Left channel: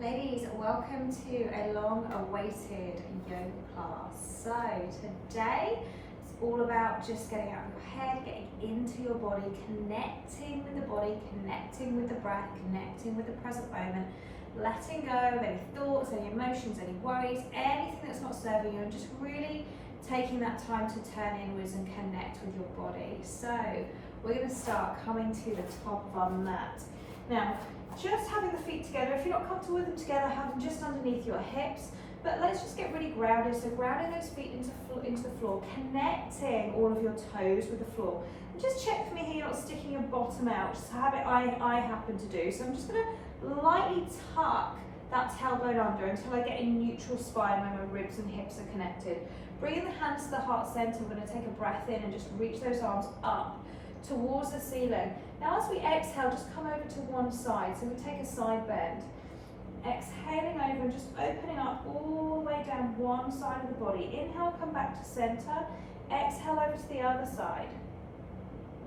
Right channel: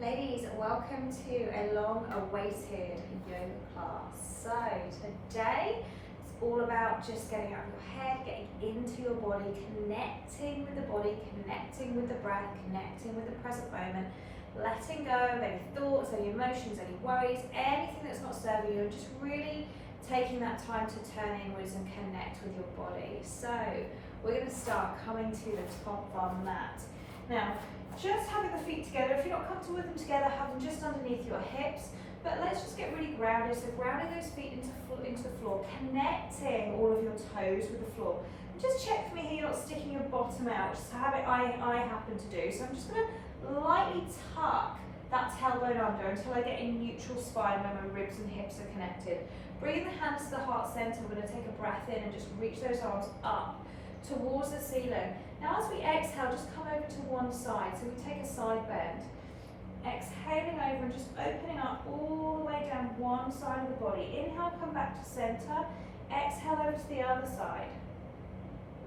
Ladies, welcome to a long-awaited yoga class. So today it's all about just getting out of your head, getting into your body, connecting with the body, connecting with the breath, connecting with the present moment, letting go of any thoughts, any emotions, any worries, anything that's not serving you, and just really taking that time to turn inwards and connect with your body. So we're going to start coming to the top of our mat. Now, just having the feet together. If you're not comfortable with them together, have them just underneath your hips. But let's just get really grounded. So grounding those feet into the floor, connecting all of your toes with the floor. And just check for me here, you're not sticking your bottom out, which is a habit I happen to do. So I'm just going to lightly tuck that tailbone under until I get a neutral spine when my ribs and hips are connected. Bringing the hands to the heart center, I'm going to take a breath in and just reach those arms up towards the ceiling. Now as we exhale, just come over to one side. So we take a side bend. Exhaling over and just opening up all the way down one side of the body. Inhale, come back to center. Exhale over to the other side.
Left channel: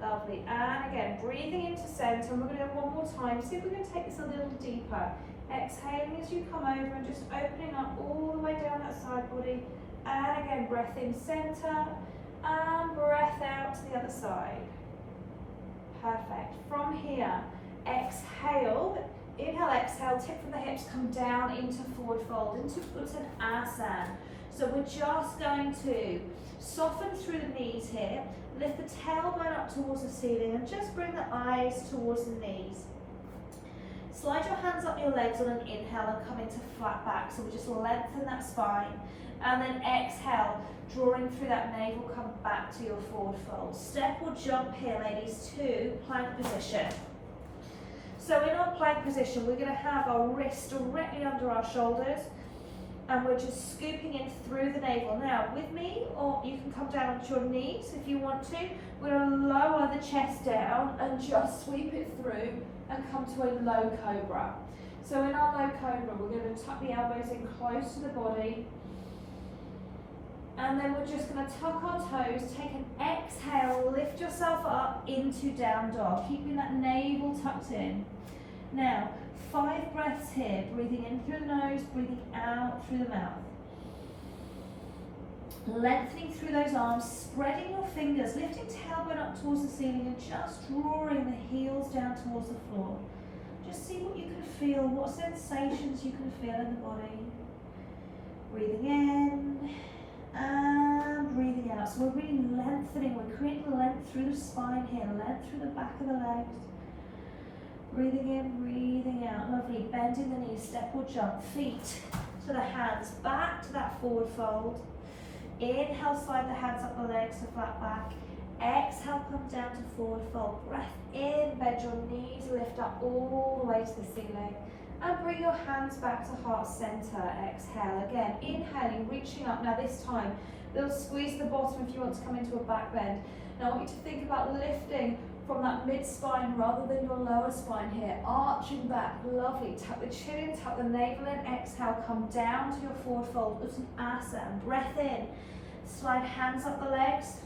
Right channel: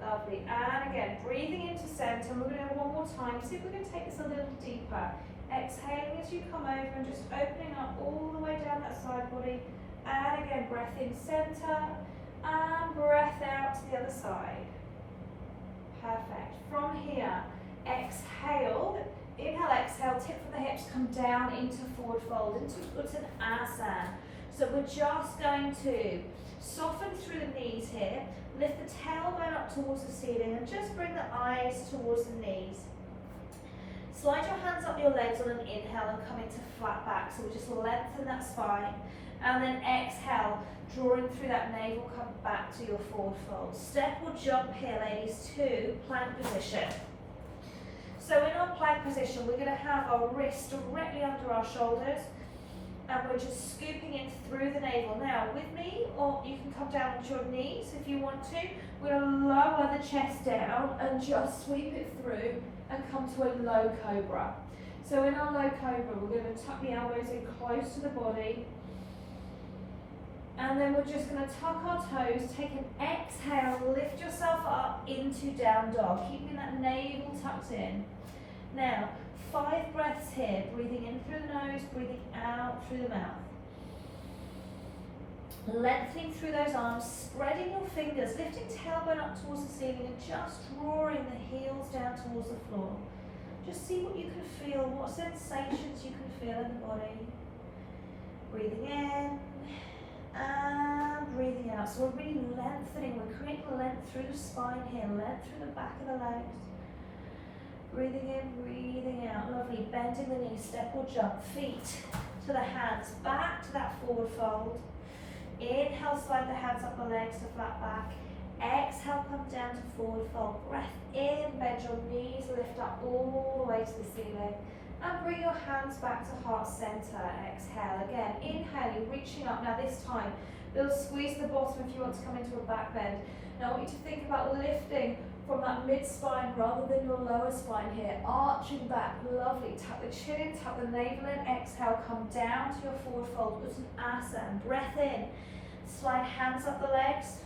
Lovely. And again, breathing into center. And we're going to do it one more time. See if we're going to take this a little deeper. Exhaling as you come over and just opening up all the way down that side body. And again, breath in center. And breath out to the other side. Perfect. From here, exhale. Inhale, exhale, tip from the hips, come down into forward fold, into Uttanasana. So we're just going to soften through the knees here, lift the tailbone up towards the ceiling and just bring the eyes towards the knees. Slide your hands up your legs on an inhale and come into flat back. So we just lengthen that spine. And then exhale, drawing through that navel, come back to your forward fold. Step or jump here, ladies, to plank position. So in our plank position, we're going to have our wrists directly under our shoulders, and we're just scooping in through the navel. Now, with me, or you can come down onto your knees if you want to. We're going to lower the chest down and just sweep it through and come to a low cobra. So in our low cobra, we're going to tuck the elbows in close to the body. And then we're just going to tuck our toes, take an exhale, lift yourself up into down dog, keeping that navel tucked in. Now, 5 breaths here, breathing in through the nose, breathing out through the mouth. Lengthening through those arms, spreading your fingers, lifting tailbone up towards the ceiling and just drawing the heels down towards the floor. Just see what you can feel, what sensations you can feel in the body. Breathing in. And breathing out. So we're really lengthening, we're creating length through the spine here, length through the back of the legs. Breathing in, breathing out. Lovely. Bending the knees, step or jump. Feet to the hands, back to that forward fold. Inhale, slide the hands up the legs to flat back. Exhale, come down to forward fold. Breath in, bend your knees, lift up all the way to the ceiling. And bring your hands back to heart center. Exhale again. Inhaling, reaching up. Now this time, we'll squeeze the bottom if you want to come into a back bend. Now I want you to think about lifting from that mid-spine rather than your lower spine here. Arching back. Lovely. Tuck the chin in, tuck the navel in. Exhale, come down to your forward fold. Uttanasana. Breath in. Slide hands up the legs.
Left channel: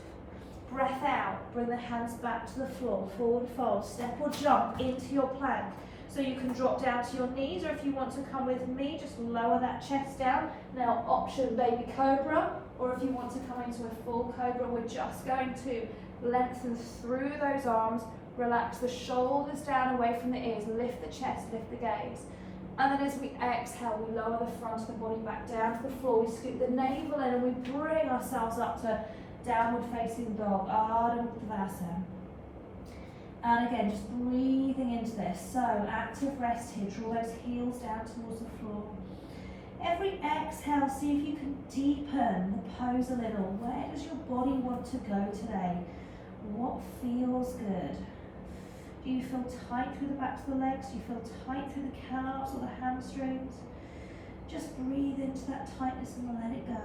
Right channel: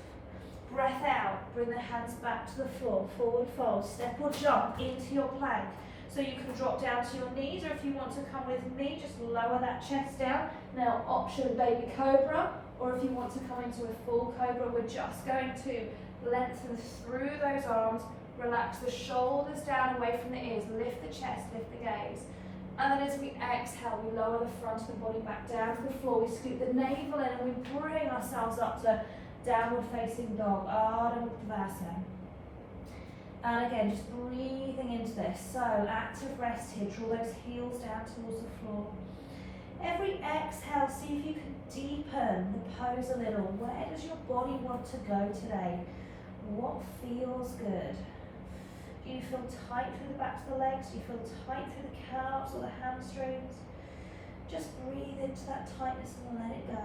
Breath out. Bring the hands back to the floor. Forward fold. Step or jump into your plank. So you can drop down to your knees, or if you want to come with me, just lower that chest down. Now option baby cobra, or if you want to come into a full cobra, we're just going to lengthen through those arms, relax the shoulders down away from the ears, lift the chest, lift the gaze. And then as we exhale, we lower the front of the body back down to the floor, we scoop the navel in and we bring ourselves up to downward facing dog, Ardha Uttanasana. And again, just breathing into this. So active rest here. Draw those heels down towards the floor. Every exhale, see if you can deepen the pose a little. Where does your body want to go today? What feels good? Do you feel tight through the backs of the legs? Do you feel tight through the calves or the hamstrings? Just breathe into that tightness and let it go.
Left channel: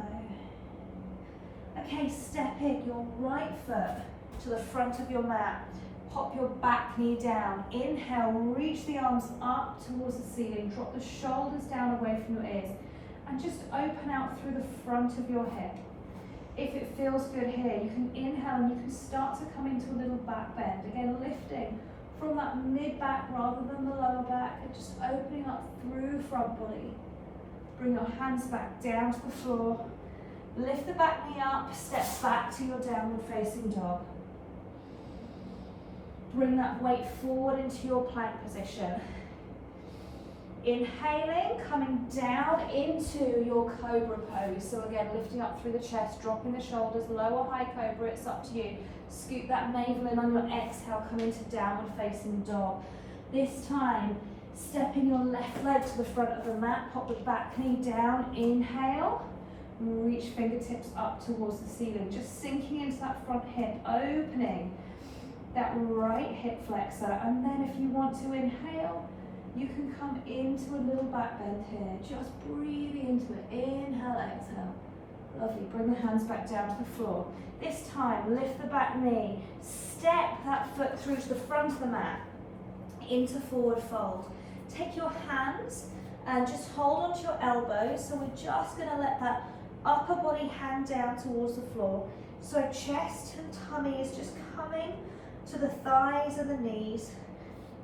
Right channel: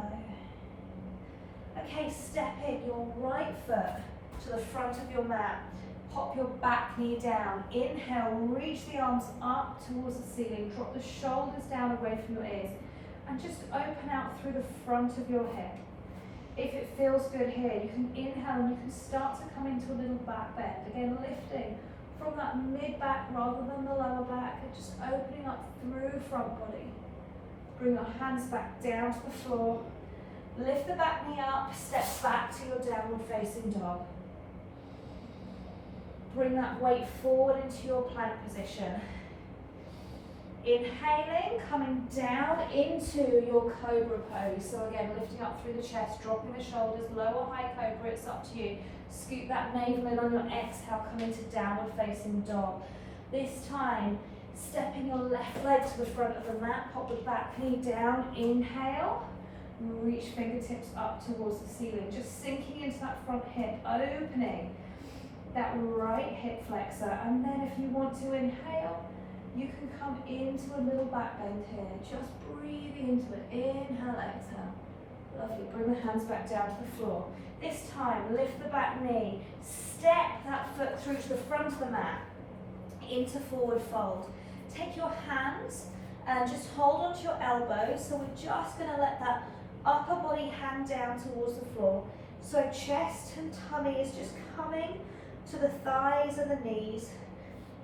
Okay, step in your right foot to the front of your mat. Pop your back knee down. Inhale, reach the arms up towards the ceiling. Drop the shoulders down away from your ears. And just open out through the front of your hip. If it feels good here, you can inhale and you can start to come into a little back bend. Again, lifting from that mid-back rather than the lower back, and just opening up through front body. Bring your hands back down to the floor. Lift the back knee up, step back to your downward facing dog. Bring that weight forward into your plank position. Inhaling, coming down into your cobra pose. So again, lifting up through the chest, dropping the shoulders, lower high cobra, it's up to you. Scoop that navel in on your exhale, come into downward facing dog. This time, stepping your left leg to the front of the mat, pop the back knee down, inhale, reach fingertips up towards the ceiling, just sinking into that front hip, opening that right hip flexor, and then if you want to inhale, you can come into a little back bend here, just breathing into it, inhale, exhale, lovely, bring the hands back down to the floor. This time, lift the back knee, step that foot through to the front of the mat, into forward fold. Take your hands and just hold onto your elbows, so we're just going to let that upper body hang down towards the floor. So chest and tummy is just coming to the thighs and the knees.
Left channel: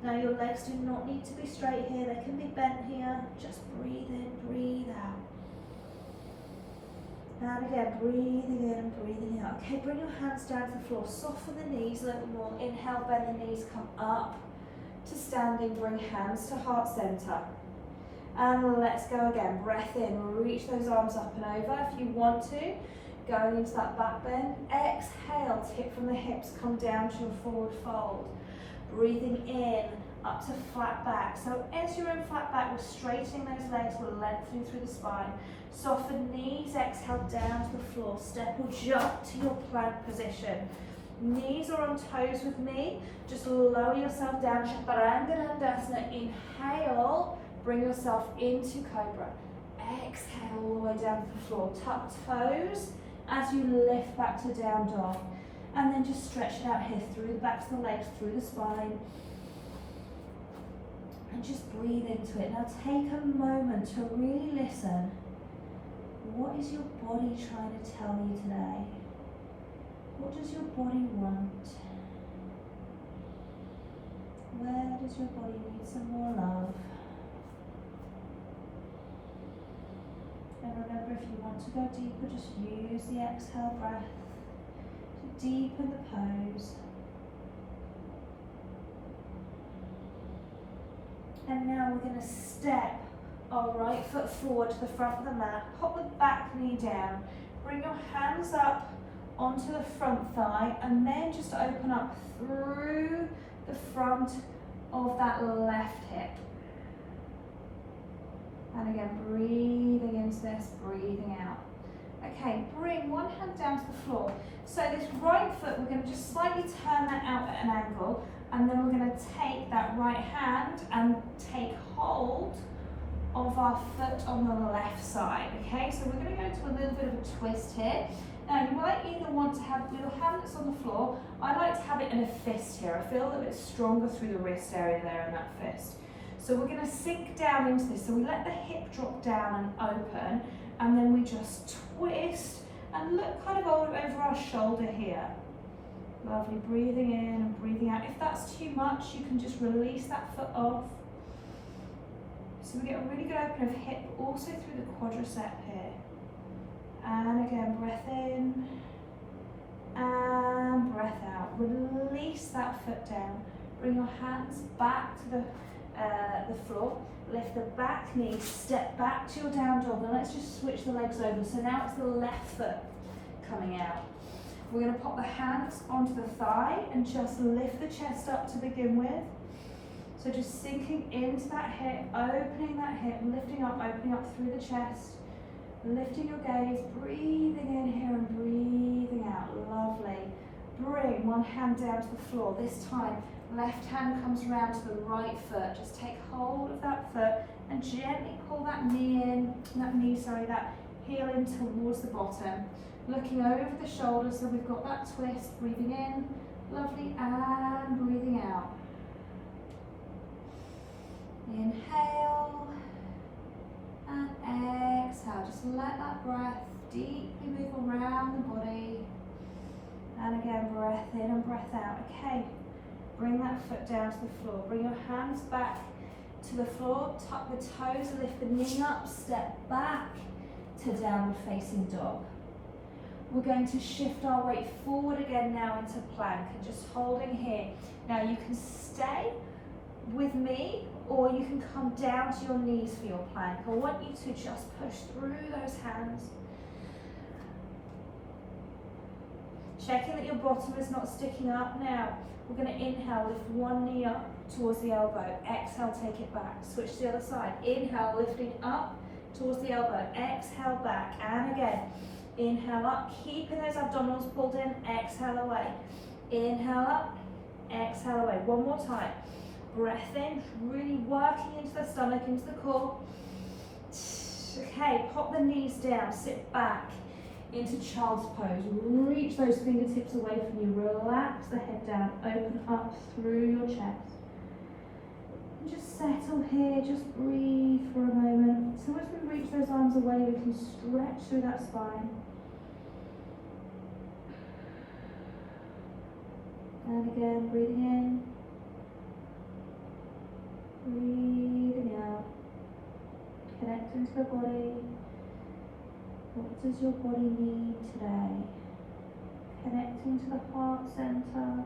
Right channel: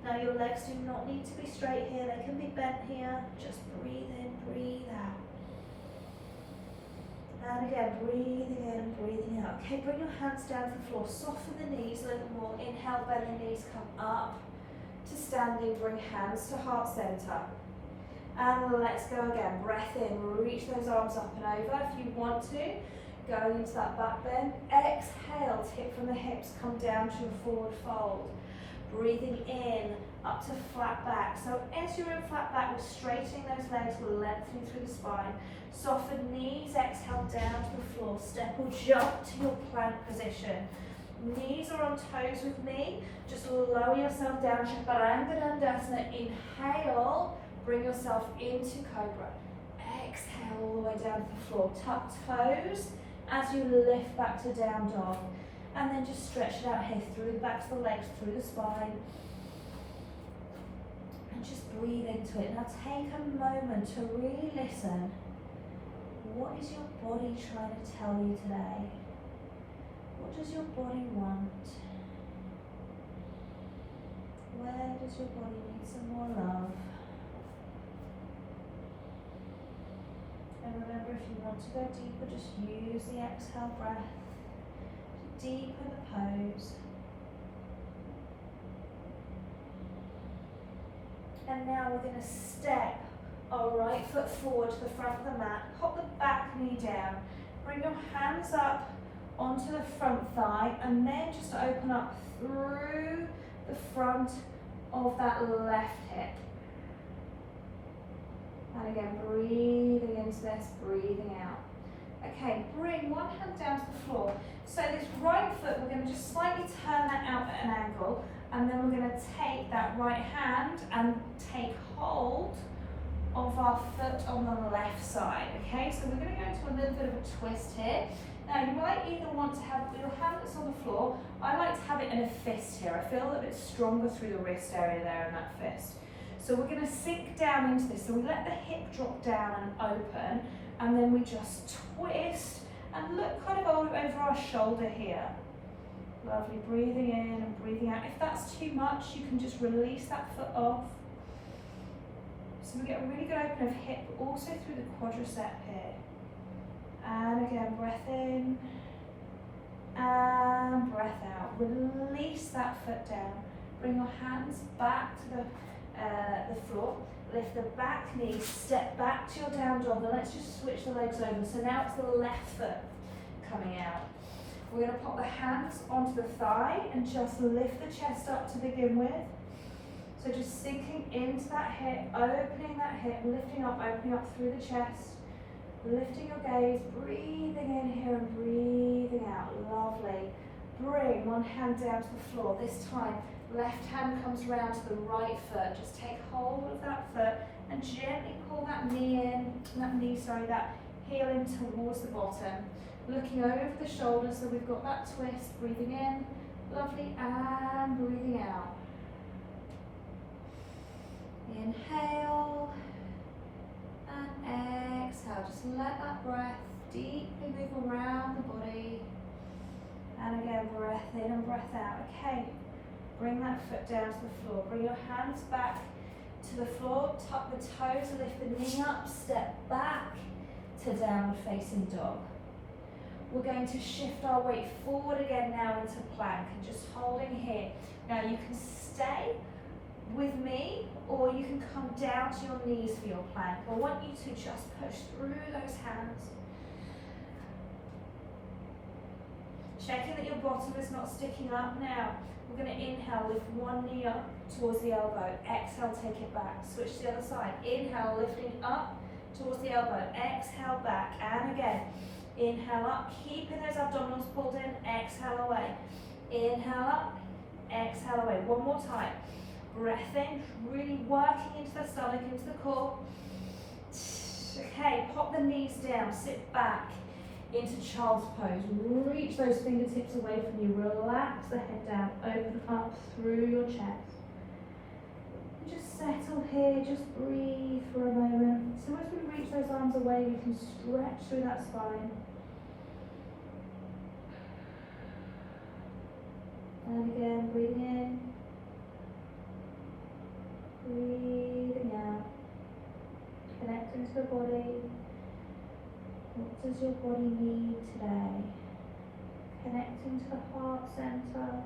Now your legs do not need to be straight here, they can be bent here. Just breathe in, breathe out. And again, breathing in and breathing out. Okay, bring your hands down to the floor, soften the knees a little more. Inhale, bend the knees, come up to standing, bring hands to heart center. And let's go again, breath in, reach those arms up and over if you want to. Going into that back bend. Exhale, tip from the hips, come down to a forward fold. Breathing in, up to flat back. So as you're in flat back, we're straightening those legs, we're lengthening through the spine. Soften knees, exhale down to the floor. Step or jump to your plank position. Knees are on toes with me. Just lower yourself down, Chaturanga Dandasana. Inhale, bring yourself into Cobra. Exhale all the way down to the floor. Tuck toes as you lift back to down dog. And then just stretch it out here through the backs of the legs, through the spine. And just breathe into it. Now take a moment to really listen. What is your body trying to tell you today? What does your body want? Where does your body need some more love? And remember, if you want to go deeper, just use the exhale breath to deepen the pose. And now we're going to step our right foot forward to the front of the mat, pop the back knee down, bring your hands up onto the front thigh, and then just open up through the front of that left hip. And again, breathing into this, breathing out. Okay, bring one hand down to the floor. So this right foot, we're going to just slightly turn that out at an angle, and then we're going to take that right hand and take hold of our foot on the left side. Okay, so we're going to go into a little bit of a twist here. Now you might either want to have your hand that's on the floor. I like to have it in a fist here. I feel a bit stronger through the wrist area there in that fist. So we're going to sink down into this. So we let the hip drop down and open, and then we just twist and look kind of over our shoulder here. Lovely, breathing in and breathing out. If that's too much, you can just release that foot off. So we get a really good open of hip, but also through the quadricep here. And again, breath in and breath out. Release that foot down. Bring your hands back to the floor. Lift the back knee, step back to your down dog, and let's just switch the legs over. So now it's the left foot coming out. We're going to pop the hands onto the thigh and just lift the chest up to begin with. So just sinking into that hip, opening that hip, lifting up, opening up through the chest. Lifting your gaze, breathing in here and breathing out. Lovely. Bring one hand down to the floor. This time, left hand comes around to the right foot. Just take hold of that foot and gently pull that that heel in towards the bottom. Looking over the shoulder, so we've got that twist. Breathing in, lovely, and breathing out. Inhale. And exhale, just let that breath deeply move around the body. And again, breath in and breath out. Okay, Bring that foot down to the floor. Bring your hands back to the floor. Tuck the toes, lift the knee up, step back to downward facing dog. We're going to shift our weight forward again now into plank and just holding here. Now you can stay with me or you can come down to your knees for your plank. I want you to just push through those hands. Checking that your bottom is not sticking up. Now we're going to inhale, lift one knee up towards the elbow. Exhale, take it back. Switch to the other side. Inhale, lifting up towards the elbow. Exhale, back. And again. Inhale up, keeping those abdominals pulled in, exhale away. Inhale up, exhale away. One more time. Breath in, really working into the stomach, into the core. Okay, pop the knees down, sit back into child's pose. Reach those fingertips away from you. Relax the head down, open up through your chest. And just settle here, just breathe for a moment. So as we reach those arms away, we can stretch through that spine. And again, breathing in, breathing out, connecting to the body. What does your body need today? Connecting to the heart center.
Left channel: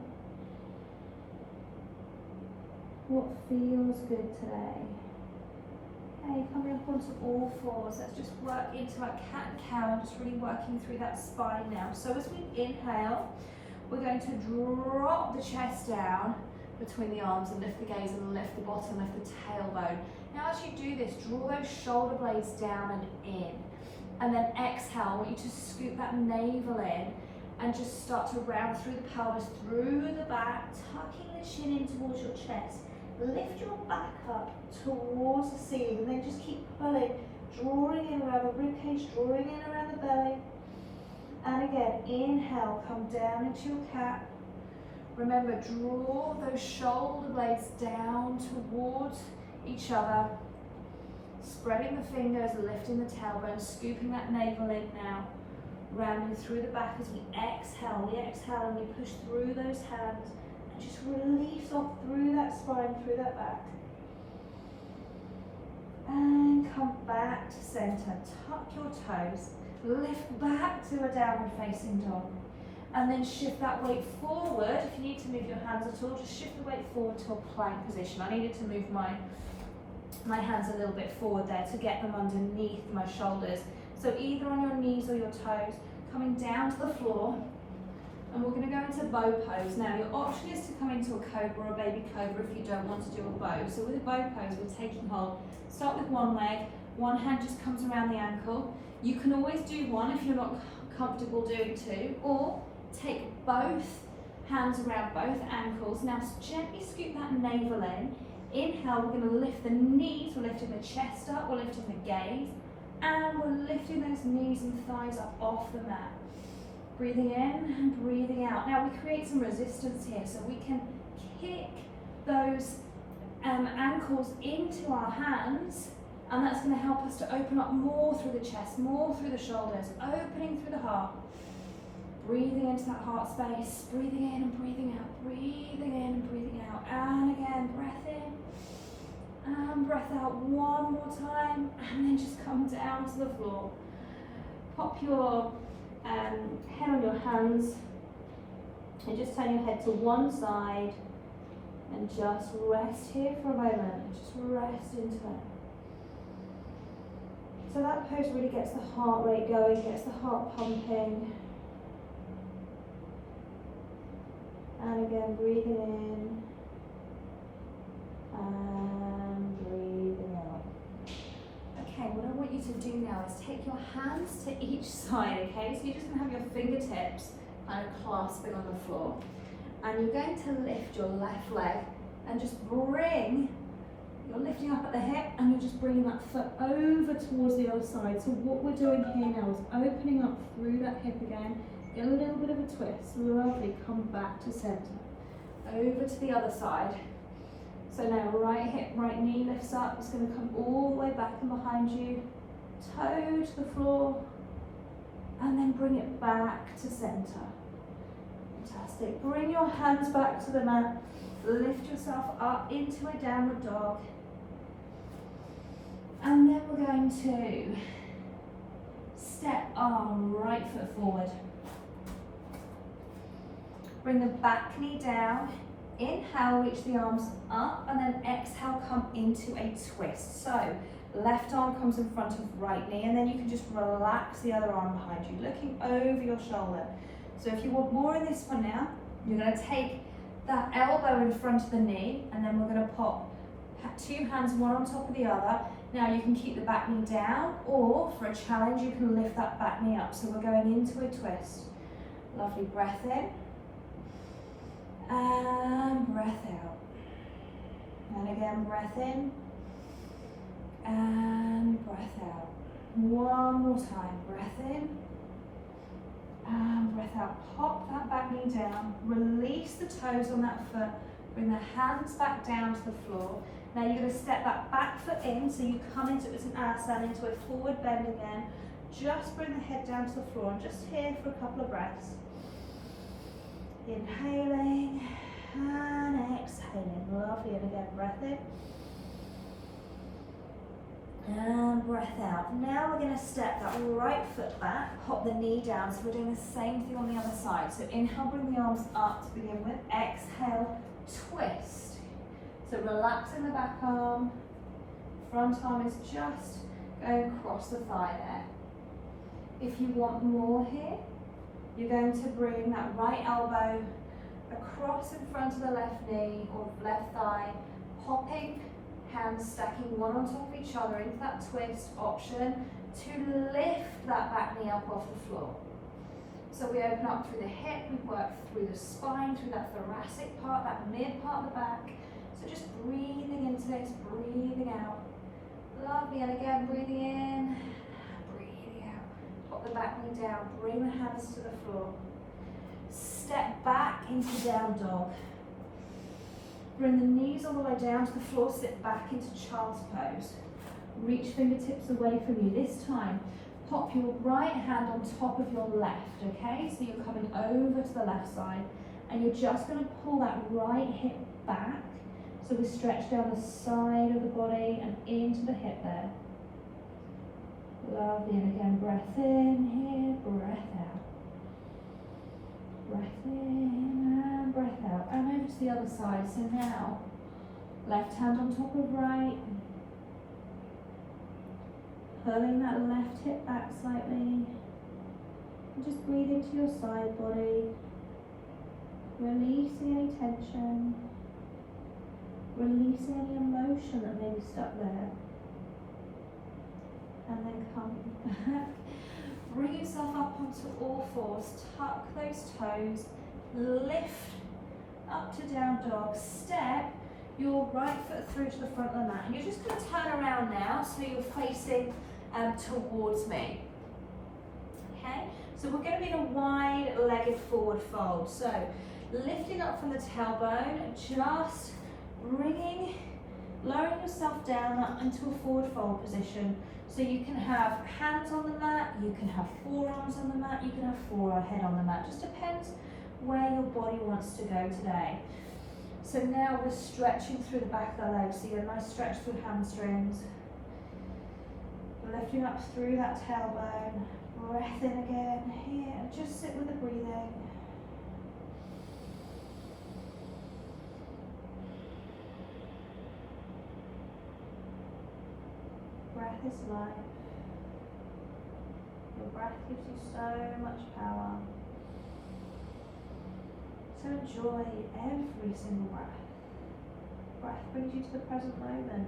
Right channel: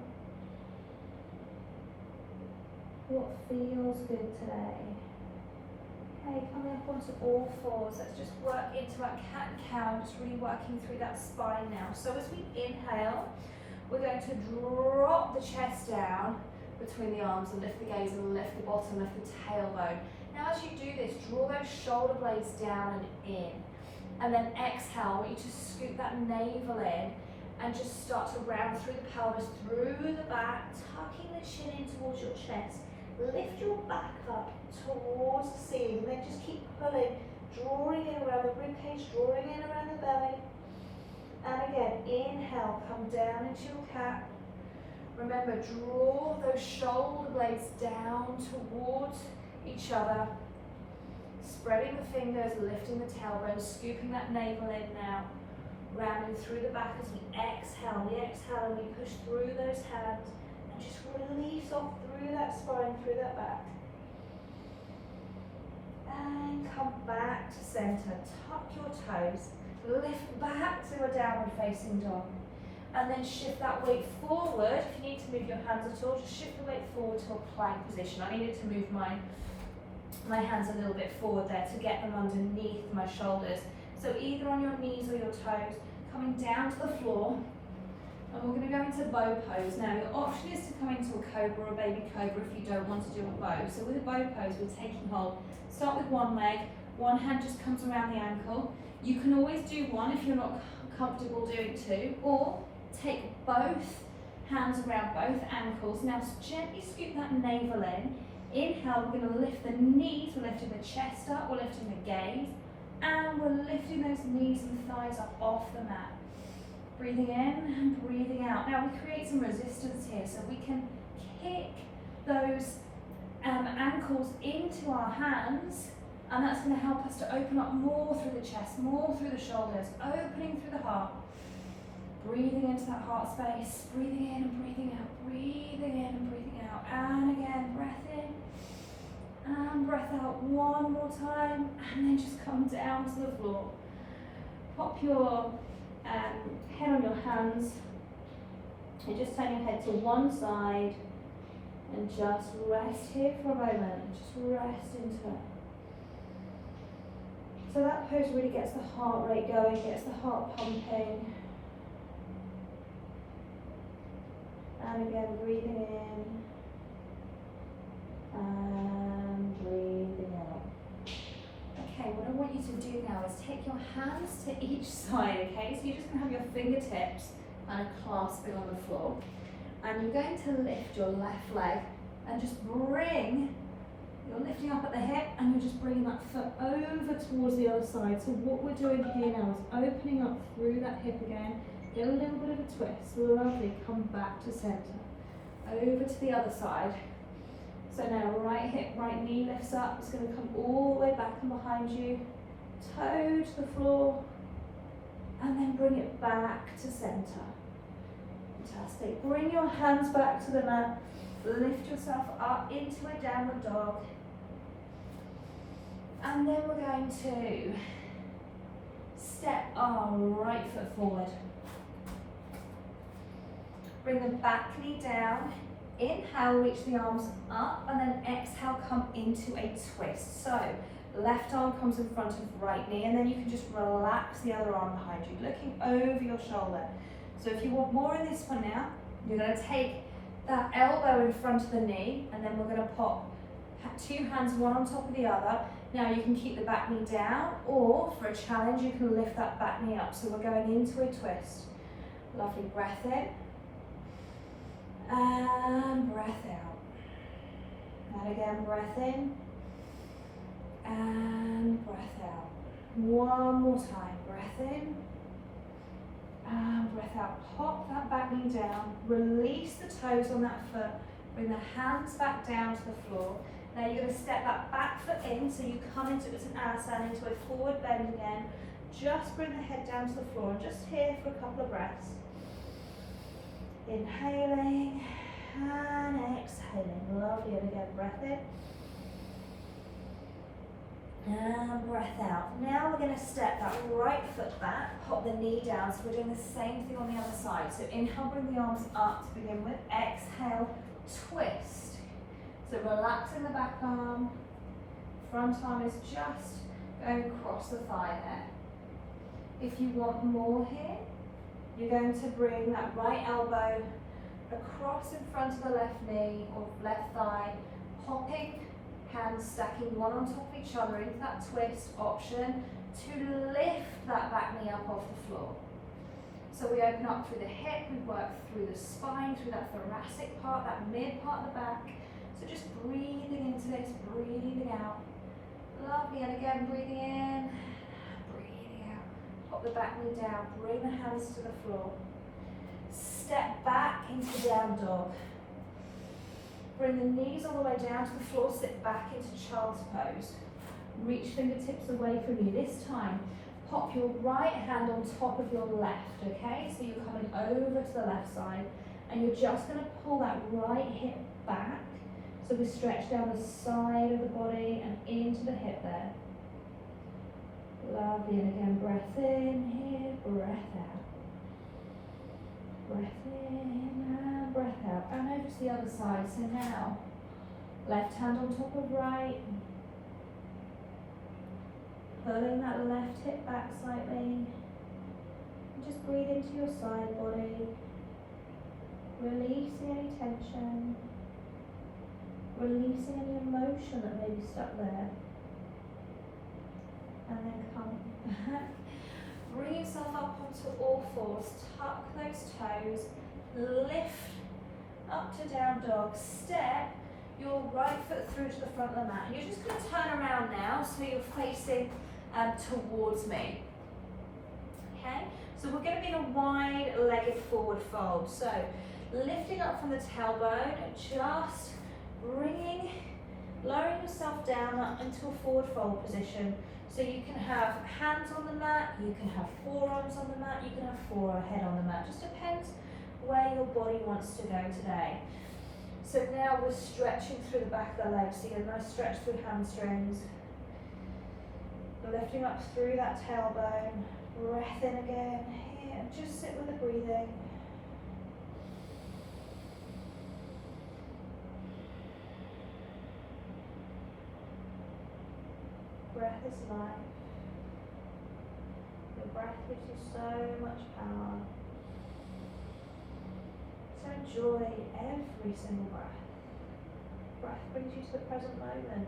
What feels good today? Okay, coming up onto all fours. Let's just work into our cat and cow, just really working through that spine now. So as we inhale, we're going to drop the chest down between the arms and lift the gaze and lift the bottom, lift the tailbone. Now as you do this, draw those shoulder blades down and in. And then exhale, I want you to scoop that navel in and just start to round through the pelvis, through the back, tucking the chin in towards your chest. Lift your back up towards the ceiling and then just keep pulling, drawing in around the ribcage, drawing in around the belly. And again, inhale, come down into your cat. Remember, draw those shoulder blades down towards each other. Spreading the fingers, lifting the tailbone, scooping that navel in now. Rounding through the back as we exhale. We exhale and we push through those hands. And just release off through that spine, through that back. And come back to center. Tuck your toes. Lift back to a downward facing dog. And then shift that weight forward. If you need to move your hands at all, just shift the weight forward to a plank position. I needed to move my hands a little bit forward there to get them underneath my shoulders. So either on your knees or your toes, coming down to the floor. And we're going to go into bow pose. Now your option is to come into a cobra or a baby cobra if you don't want to do a bow. So with a bow pose, we're taking hold. Start with one leg, one hand just comes around the ankle. You can always do one if you're not comfortable doing two, or take both hands around both ankles. Now gently scoop that navel in. Inhale, we're going to lift the knees, we're lifting the chest up, we're lifting the gaze, and we're lifting those knees and thighs up off the mat. Breathing in and breathing out. Now we create some resistance here, so we can kick those ankles into our hands, and that's going to help us to open up more through the chest, more through the shoulders, opening through the heart. Breathing into that heart space, breathing in and breathing out, breathing in and breathing out, and again, breath in, and breath out one more time, and then just come down to the floor. Pop your head on your hands, and just turn your head to one side, and just rest here for a moment, just rest into it. So that pose really gets the heart rate going, gets the heart pumping. And again, breathing in and breathing out. Okay, what I want you to do now is take your hands to each side, okay? So you're just going to have your fingertips kind of clasping on the floor. And you're going to lift your left leg and just bring, you're lifting up at the hip and you're just bringing that foot over towards the other side. So what we're doing here now is opening up through that hip again. Get a little bit of a twist, lovely, come back to center. Over to the other side. So now right hip, right knee lifts up, it's going to come all the way back and behind you. Toe to the floor, and then bring it back to center. Fantastic. Bring your hands back to the mat, Lift yourself up into a downward dog. And then we're going to step our right foot forward. Bring the back knee down. Inhale, reach the arms up, and then exhale, come into a twist. So left arm comes in front of right knee, and then you can just relax the other arm behind you, looking over your shoulder. So if you want more of this one now, you're going to take that elbow in front of the knee, and then we're going to pop two hands one on top of the other. Now you can keep the back knee down, or for a challenge, you can lift that back knee up. So we're going into a twist. Lovely, breath in. And breath out. And again, breath in. And breath out. One more time, breath in. And breath out. Pop that back knee down. Release the toes on that foot. Bring the hands back down to the floor. Now you're going to step that back foot in, so you come into it's an asana, into a forward bend again. Just bring the head down to the floor, just here for a couple of breaths. Inhaling and exhaling. Lovely, and again, breath in. And breath out. Now we're going to step that right foot back, hop the knee down, so we're doing the same thing on the other side. So inhale, bring the arms up to begin with. Exhale, twist. So relaxing the back arm, front arm is just going across the thigh there. If you want more here, you're going to bring that right elbow across in front of the left knee or left thigh, hopping, hands stacking one on top of each other into that twist option to lift that back knee up off the floor. So we open up through the hip, we work through the spine, through that thoracic part, that mid part of the back. So just breathing into this, breathing out. Lovely, and again, breathing in, breathing out. Pop the back knee down, bring the hands to the floor. Step back into down dog. Bring the knees all the way down to the floor, sit back into child's pose. Reach fingertips away from you. This time, pop your right hand on top of your left, okay? So you're coming over to the left side, and you're just gonna pull that right hip back. So we stretch down the side of the body and into the hip there. Lovely, and again, breath in here, breath out. Breath in and breath out. And over to the other side. So now, left hand on top of right. Pulling that left hip back slightly. And just breathe into your side body. Releasing any tension. Releasing any emotion that may be stuck there. And then come back. Bring yourself up onto all fours. Tuck those toes. Lift up to down dog. Step your right foot through to the front of the mat. And you're just going to turn around now so you're facing towards me. Okay? So we're going to be in a wide-legged forward fold. So lifting up from the tailbone, just lowering yourself down up into a forward fold position. So you can have hands on the mat, you can have forearms on the mat, you can have forehead on the mat. Just depends where your body wants to go today. So now we're stretching through the back of the legs. So you get a nice stretch through hamstrings. Lifting up through that tailbone. Breath in again here, and just sit with the breathing. Breath is life. Your breath gives you so much power. So enjoy every single breath. Breath brings you to the present moment.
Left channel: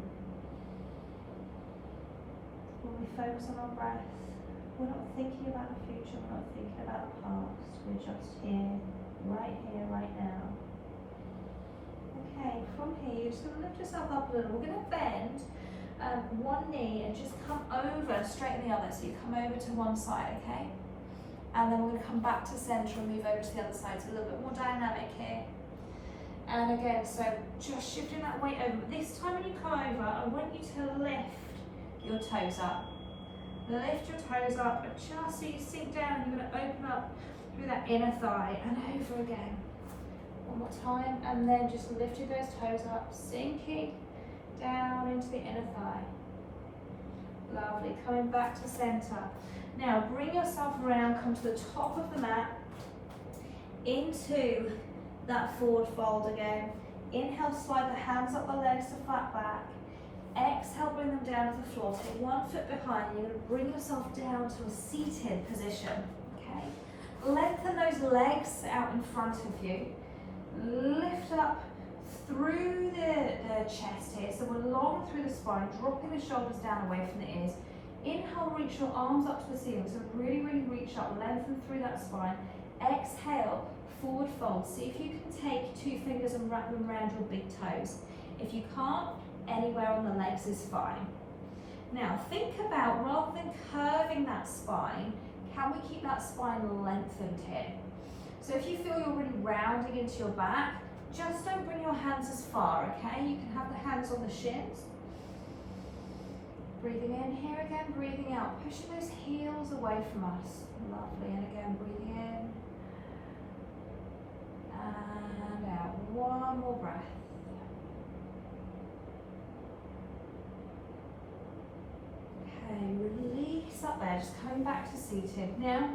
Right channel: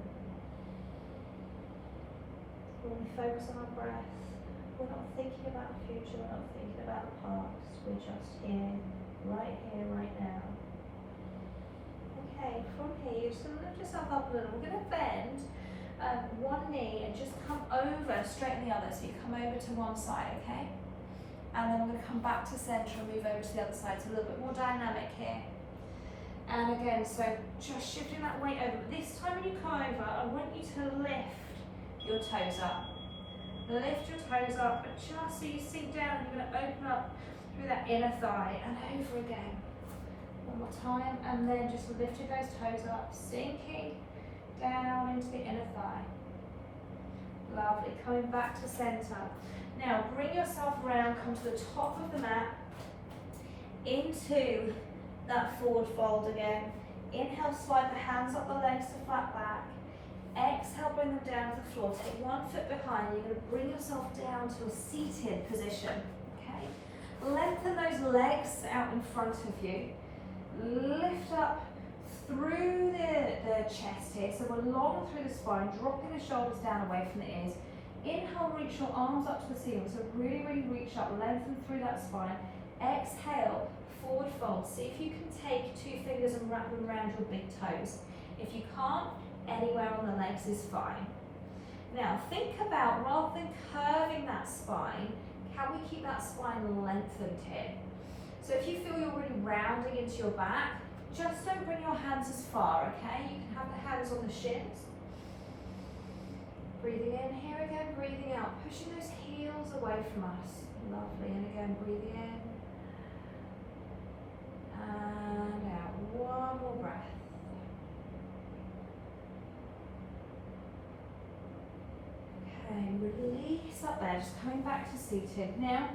When we focus on our breath, we're not thinking about the future, we're not thinking about the past, we're just here, right now. Okay, from here, you're just going to lift yourself up a little. We're going to bend one knee and just come over, straighten the other. So you come over to one side, okay? And then we're going to come back to center and move over to the other side. So a little bit more dynamic here. And again, so just shifting that weight over. But this time when you come over, I want you to lift your toes up. Lift your toes up, and just so you sink down, you're going to open up through that inner thigh and over again. One more time, and then just lifting those toes up, sinking down into the inner thigh. Lovely, coming back to center. Now bring yourself around, come to the top of the mat, into that forward fold again. Inhale, slide the hands up the legs to flat back. Exhale, bring them down to the floor. Take one foot behind. You're going to bring yourself down to a seated position. Okay. Lengthen those legs out in front of you. Lift up through the chest here. So we're long through the spine, dropping the shoulders down away from the ears. Inhale, reach your arms up to the ceiling. So really, really reach up, lengthen through that spine. Exhale, forward fold. See if you can take 2 fingers and wrap them around your big toes. If you can't, anywhere on the legs is fine. Now think about, rather than curving that spine, can we keep that spine lengthened here? So if you feel you're really rounding into your back, just don't bring your hands as far, okay? You can have the hands on the shins. Breathing in here again, breathing out, pushing those heels away from us. Lovely, and again, breathing in. And out, one more breath. Okay, release up there, just coming back to seated. Now,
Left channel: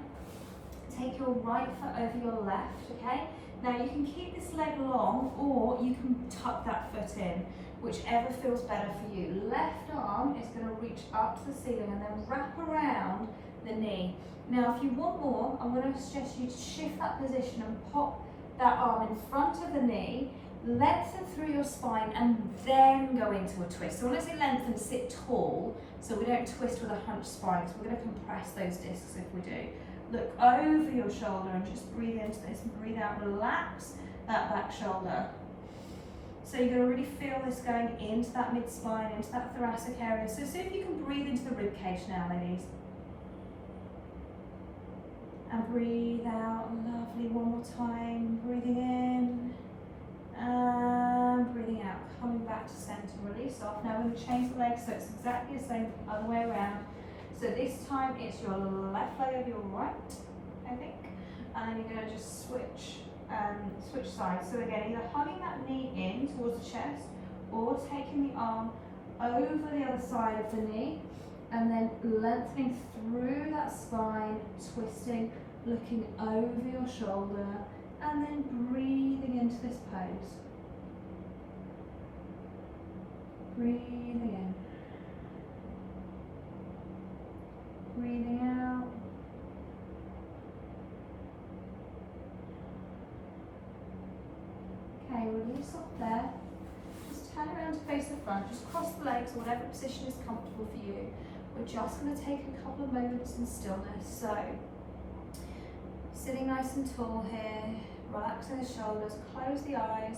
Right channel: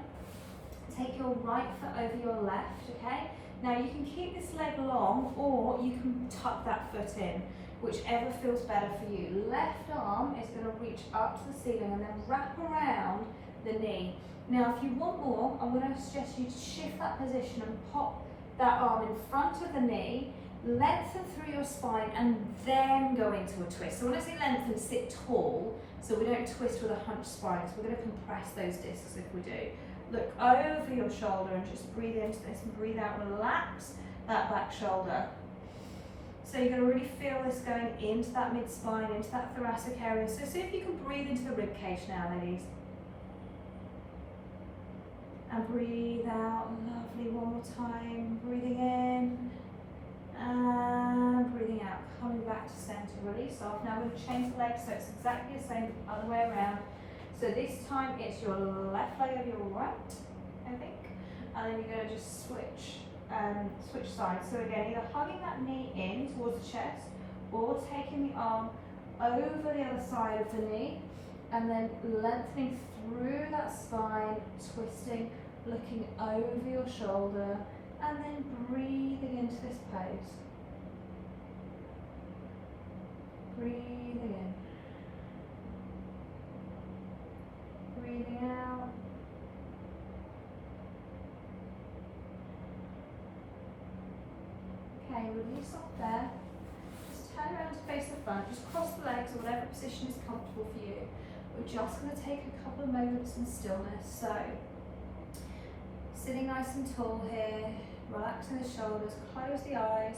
take your right foot over your left, okay? Now you can keep this leg long, or you can tuck that foot in, whichever feels better for you. Left arm is going to reach up to the ceiling and then wrap around the knee. Now if you want more, I'm going to suggest you to shift that position and pop that arm in front of the knee, lengthen through your spine, and then go into a twist. So when I say lengthen, sit tall, so we don't twist with a hunched spine, because we're going to compress those discs if we do. Look over your shoulder and just breathe into this and breathe out. Relax that back shoulder. So you're going to really feel this going into that mid-spine, into that thoracic area. So see if you can breathe into the rib cage now, ladies. And breathe out. Lovely. One more time. Breathing in. And breathing out. Coming back to center. Release off. Now we're going to change the legs so it's exactly the same the other way around. So this time it's your left leg of your right, I think. And then you're going to just switch sides. So again, either hugging that knee in towards the chest, or taking the arm over the other side of the knee, and then lengthening through that spine, twisting, looking over your shoulder, and then breathing into this pose. Breathing in. Breathing out. Okay, release off there. Just turn around to face the front. Just cross the legs or whatever position is comfortable for you. We're just going to take a couple of moments in stillness. So, sitting nice and tall here, relaxing the shoulders, close the eyes.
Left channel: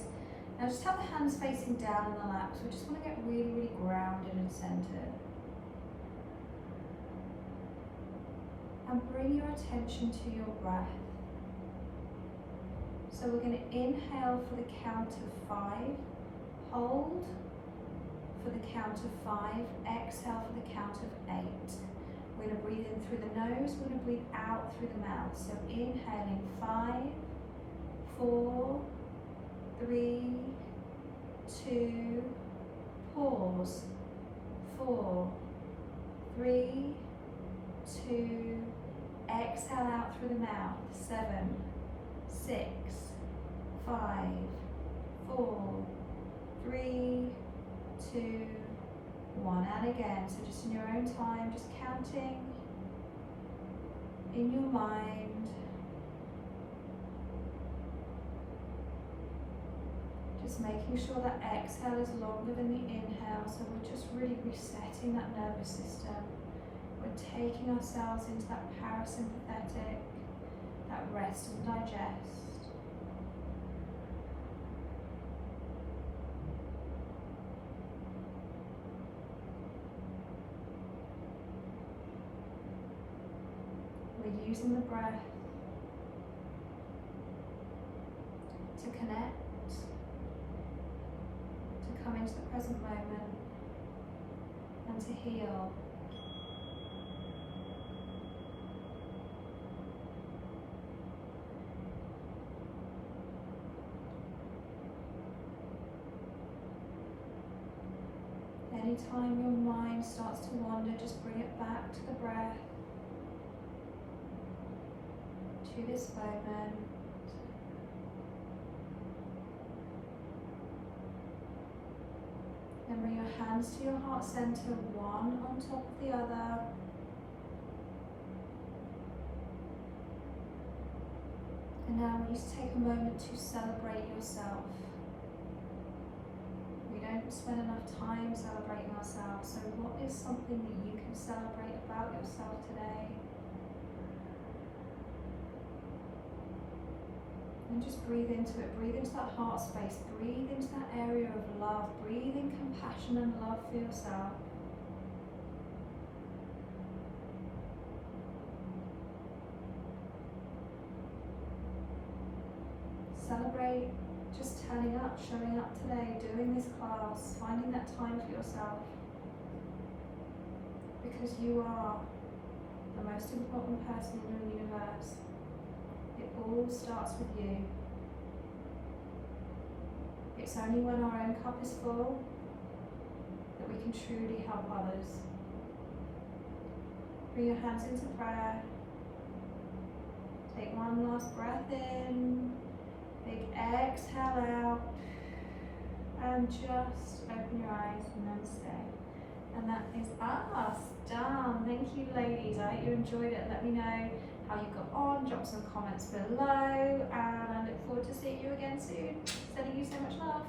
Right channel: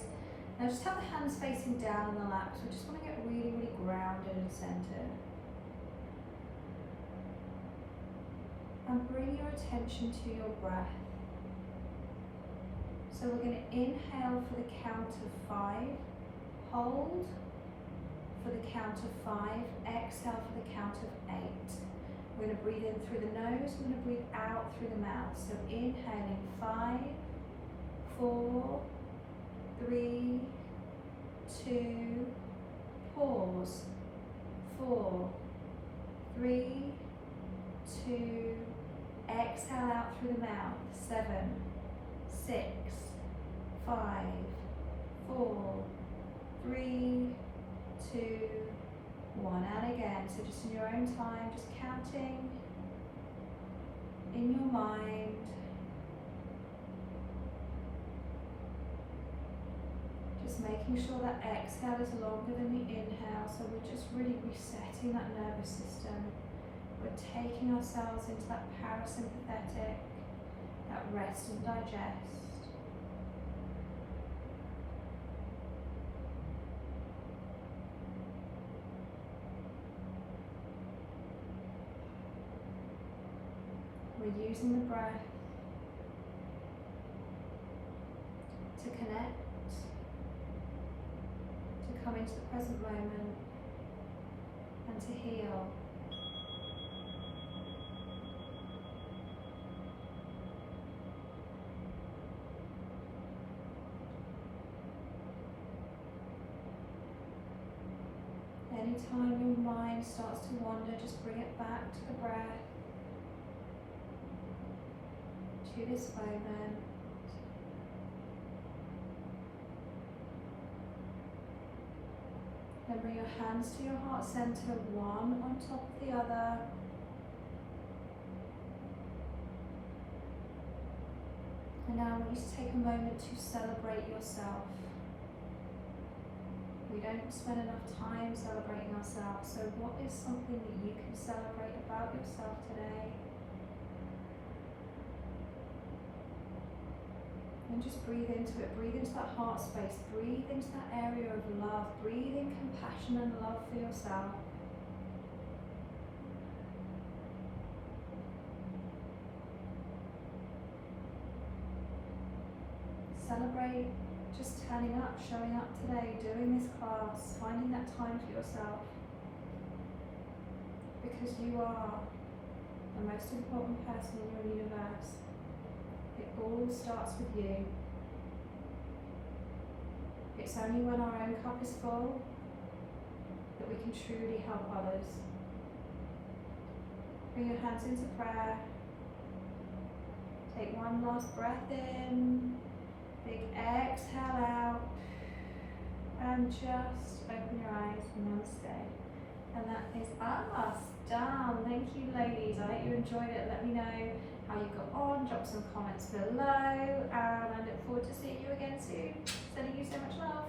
Now just have the hands facing down in the lap. So we just want to get really, really grounded and centered. And bring your attention to your breath. So we're going to inhale for the count of 5, hold for the count of 5, exhale for the count of 8. We're going to breathe in through the nose, we're going to breathe out through the mouth. So inhaling 5, 4, 3, 2, pause, 4, 3, 2, exhale out through the mouth, 7, 6, 5, 4, 3, 2, 1. And again, so just in your own time, just counting in your mind. Just making sure that exhale is longer than the inhale, so we're just really resetting that nervous system. We're taking ourselves into that parasympathetic, that rest and digest. We're using the breath to connect, to come into the present moment, and to heal. mind starts to wander, just bring it back to the breath, to this moment. Then bring your hands to your heart center, one on top of the other. And now I want you to take a moment to celebrate yourself. We don't spend enough time celebrating ourselves, so what is something that you can celebrate about yourself today? And just breathe into it, breathe into that heart space, breathe into that area of love, breathe in compassion and love for yourself. Celebrate just turning up, showing up today, doing this class, finding that time for yourself. Because you are the most important person in your universe. It all starts with you. It's only when our own cup is full that we can truly help others. Bring your hands into prayer. Take one last breath in. Big exhale out. And just open your eyes. Namaste. And that is us done. Thank you, ladies. I hope you enjoyed it. Let me know how you got on. Drop some comments below. And I look forward to seeing you again soon. Sending you so much love.